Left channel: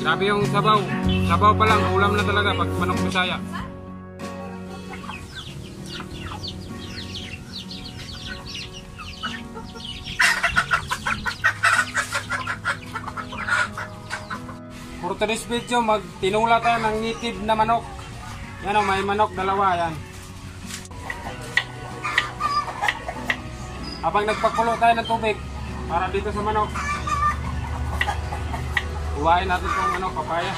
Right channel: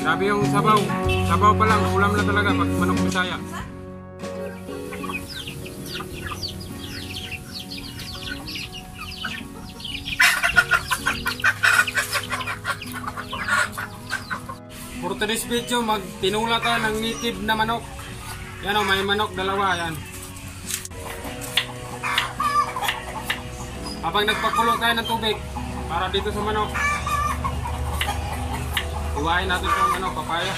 Grabe yung sabaw. Sabaw pa lang, ulam na talaga pag manok Bisaya. For today's video, magtinula tayo ng native na manok. Yan o, may manok, dalawa yan. Habang nagpakulo tayo ng tubig para dito sa manok, iwain natin itong ano, papaya.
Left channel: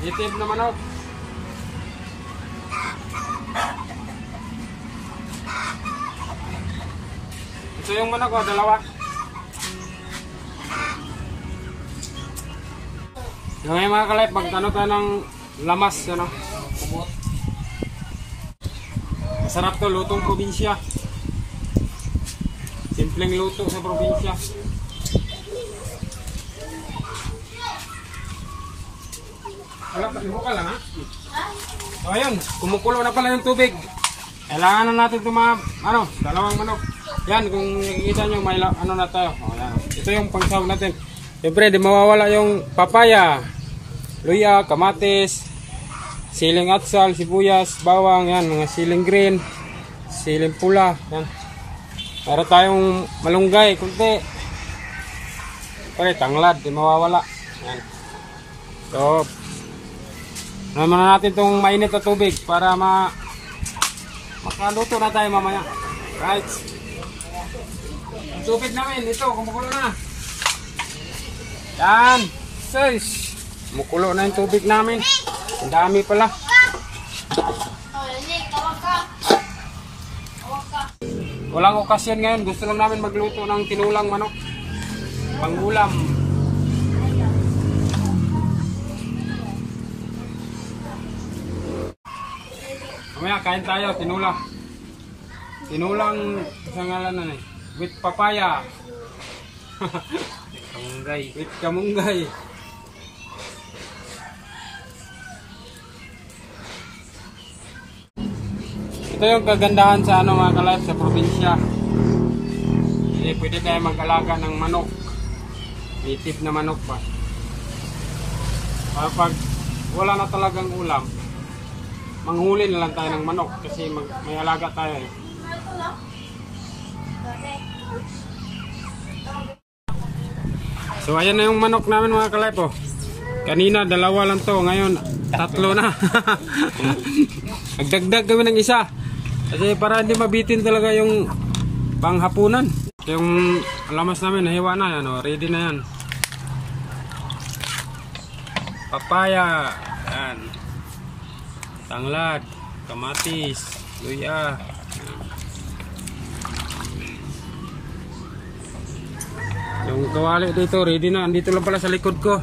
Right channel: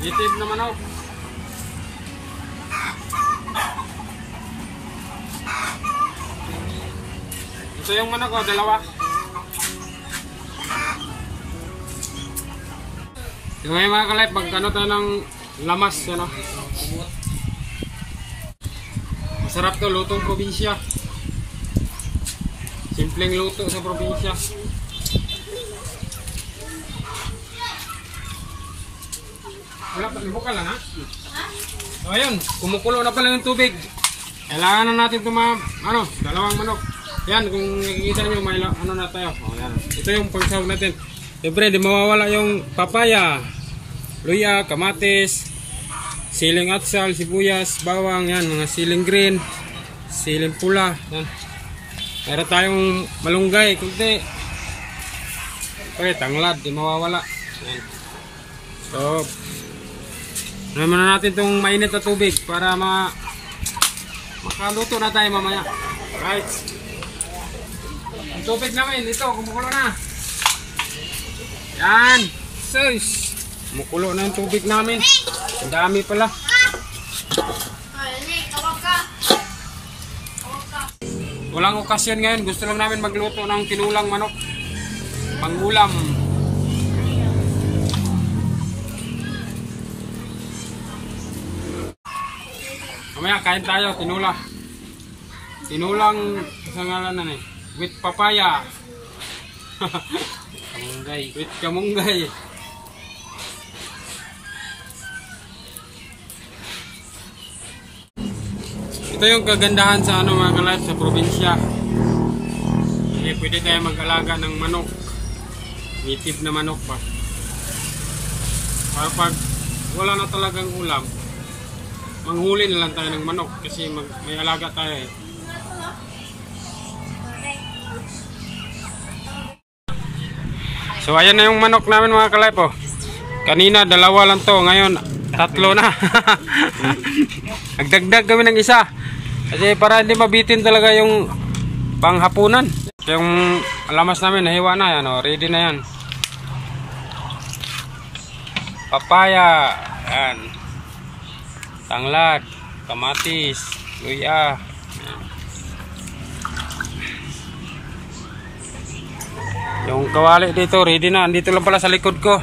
Native na manok. Ito yung manok o, dalawa. So ngayon mga ka-life, magkano tayo ng lamas, ano? Masarap to, lutong probinsya. Simpleng luto sa probinsya. Wala pa, libuka lang ha? So ayun, kumukulo na pala yung tubig. Kailangan na natin ito mga, ano, dalawang manok. Yan, kung nakikita nyo, may ano na tayo. O, yan. Ito yung pangsahog natin. Siyempre, di mawawala yung papaya, luya, kamatis, siling atsal, sibuyas, bawang, yan, mga siling green, siling pula, yan. Meron tayong malunggay, kunti. Okay, tanglad, di mawawala. Yan. So, naman na natin itong mainit na tubig para makaluto na tayo mamaya. Right. Ang tubig namin, ito, kumukulo na. Yan. Sus. Kumukulo na yung tubig namin. Ang dami pala. Walang okasyon ngayon. Gusto lang namin magluto ng tinulang manok. Pangulam. Mamaya kain tayo. Tinula. Tinulang isang ngalanan eh. With papaya. Kamunggay. With kamunggay. Ito yung kagandahan sa ano mga ka-life sa probinsya. Pwede tayo mag-alaga ng manok. Native na manok pa. Para pag wala na talagang ulam, manghuli na lang tayo ng manok kasi may alaga tayo eh. So ayan na yung manok namin mga ka-life oh. Kanina dalawa lang to, ngayon tatlo na. Nagdagdag kami ng isa kasi para hindi mabitin talaga yung panghapunan. Yung lamas namin nahiwa na yan oh. Ready na yan. Papaya, yan. Tanglad, kamatis, luya. Yung kawali dito ready na. Andito lang pala sa likod ko.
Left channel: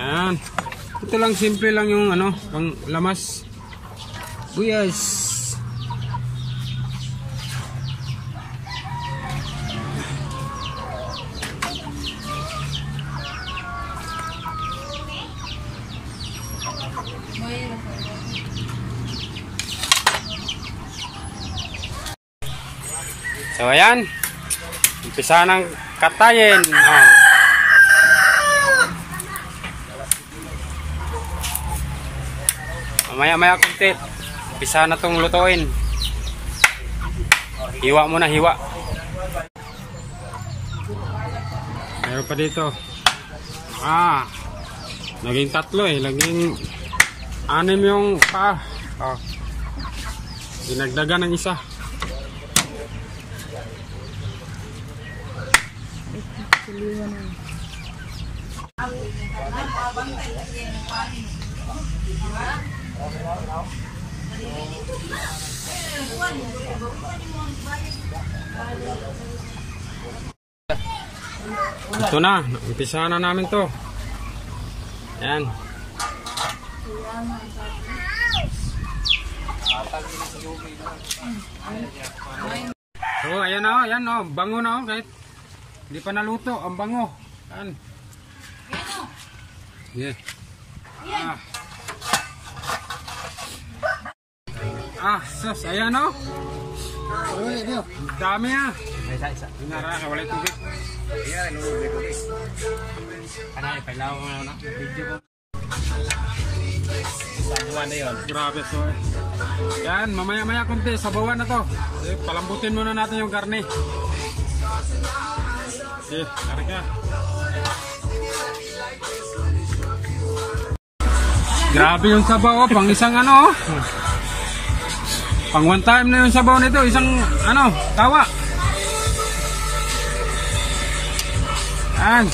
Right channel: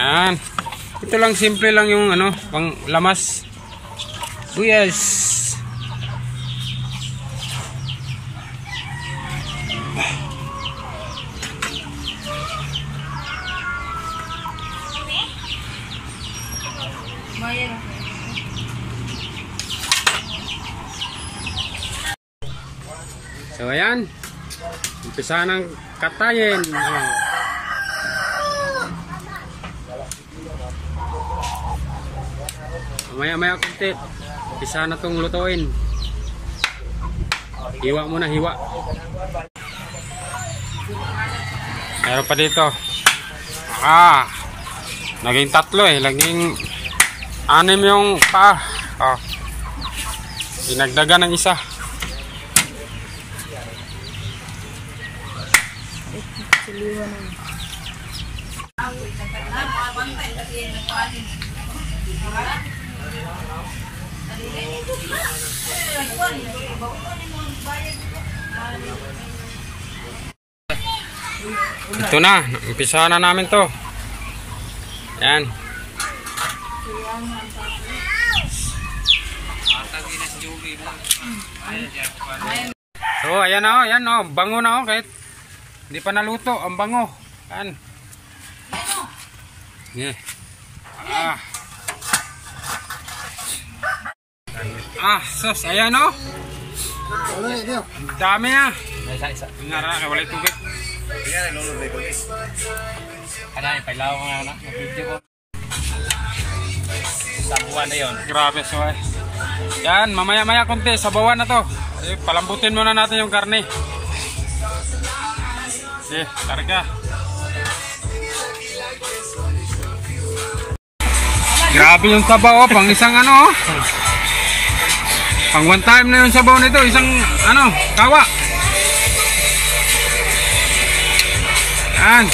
Ayan. Ito lang, simple lang yung ano, pang lamas. Buyas. So ayan, umpisa ng katayin. Maya-maya kunti, umpisa na itong lutuin. Hiwa muna, hiwa. Meron pa dito. Naging tatlo eh, naging 6 yung paa. Dinagdagan ng isa. Ito na, umpisa na namin to. Yan. So ayan na, ayan na, bango na kahit hindi pa naluto, ang bango. Yan. Yeah. Sos, ayan o. Dami ah. Nara kay wala tubig. Kanay pailaw nga na video ko. Sabungan na 'yon. Grabe so ay. Yan, mamaya-maya konti sabawan na to. Palambutin muna natin yung karne. Karga. Grabe yung sabaw, pang isang ano. Pang one time na yung sabaw nito, isang ano, kawa. Yan.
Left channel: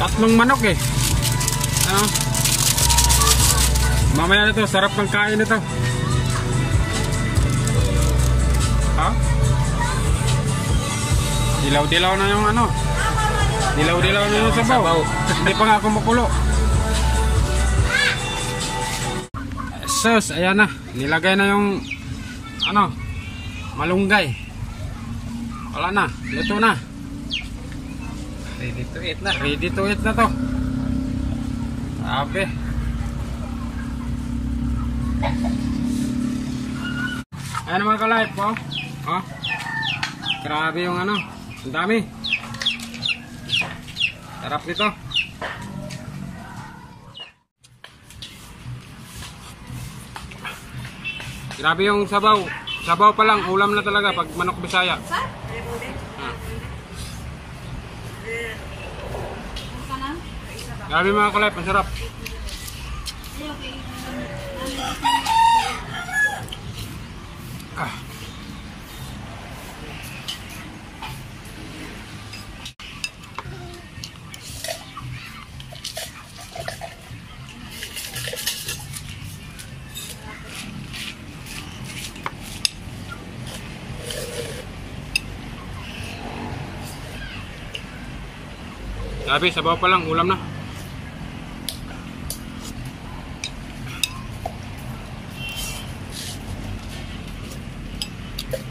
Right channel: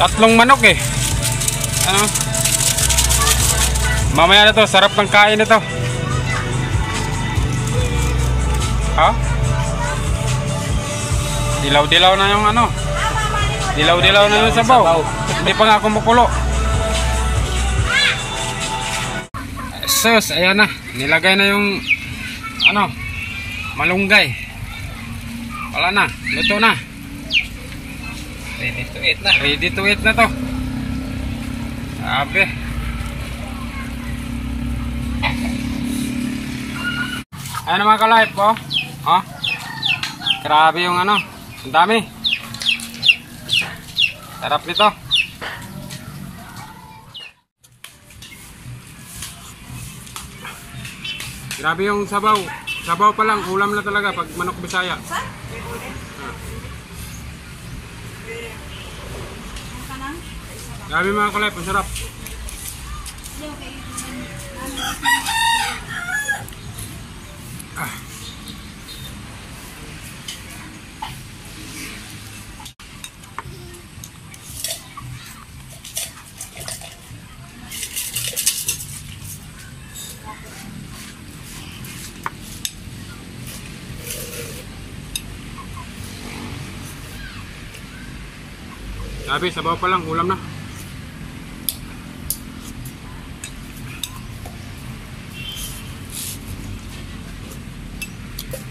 Tatlong manok eh. Ano? Mamaya na to, sarap ng kain na to. Ha? Dilaw-dilaw na yung ano. Dilaw-dilaw na yung sabaw. Hindi pa nga ako makulo. Sus, ayan na. Nilagay na yung ano, malunggay. Wala na, luto na. Ready to eat na. Ready to eat na to. Sabi. Ayan mga ka-live po. Oh. Grabe yung ano. Ang dami. Sarap nito. Grabe yung sabaw. Sabaw pa lang. Ulam na talaga pag manok Bisaya. Grabe mga ka-live. Ang sarap. Grabe, sabaw pa lang, ulam na.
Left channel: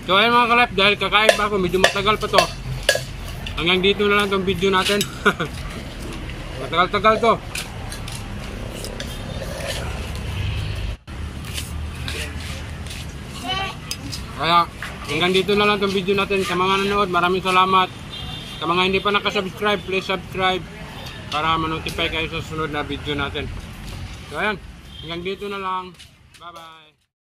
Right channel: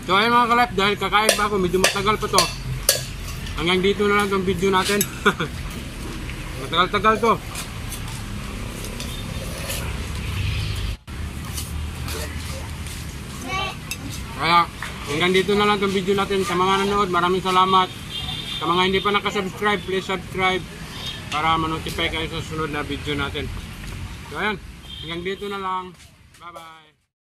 So ayun mga ka-live, dahil kakain pa ako, medyo matagal pa to. Hanggang dito na lang itong video natin. Matagal-tagal to. Kaya hanggang dito na lang itong video natin. Sa mga nanood, maraming salamat. Sa mga hindi pa nakasubscribe, please subscribe para ma-notify kayo sa sunod na video natin. So ayan, hanggang dito na lang. Bye bye.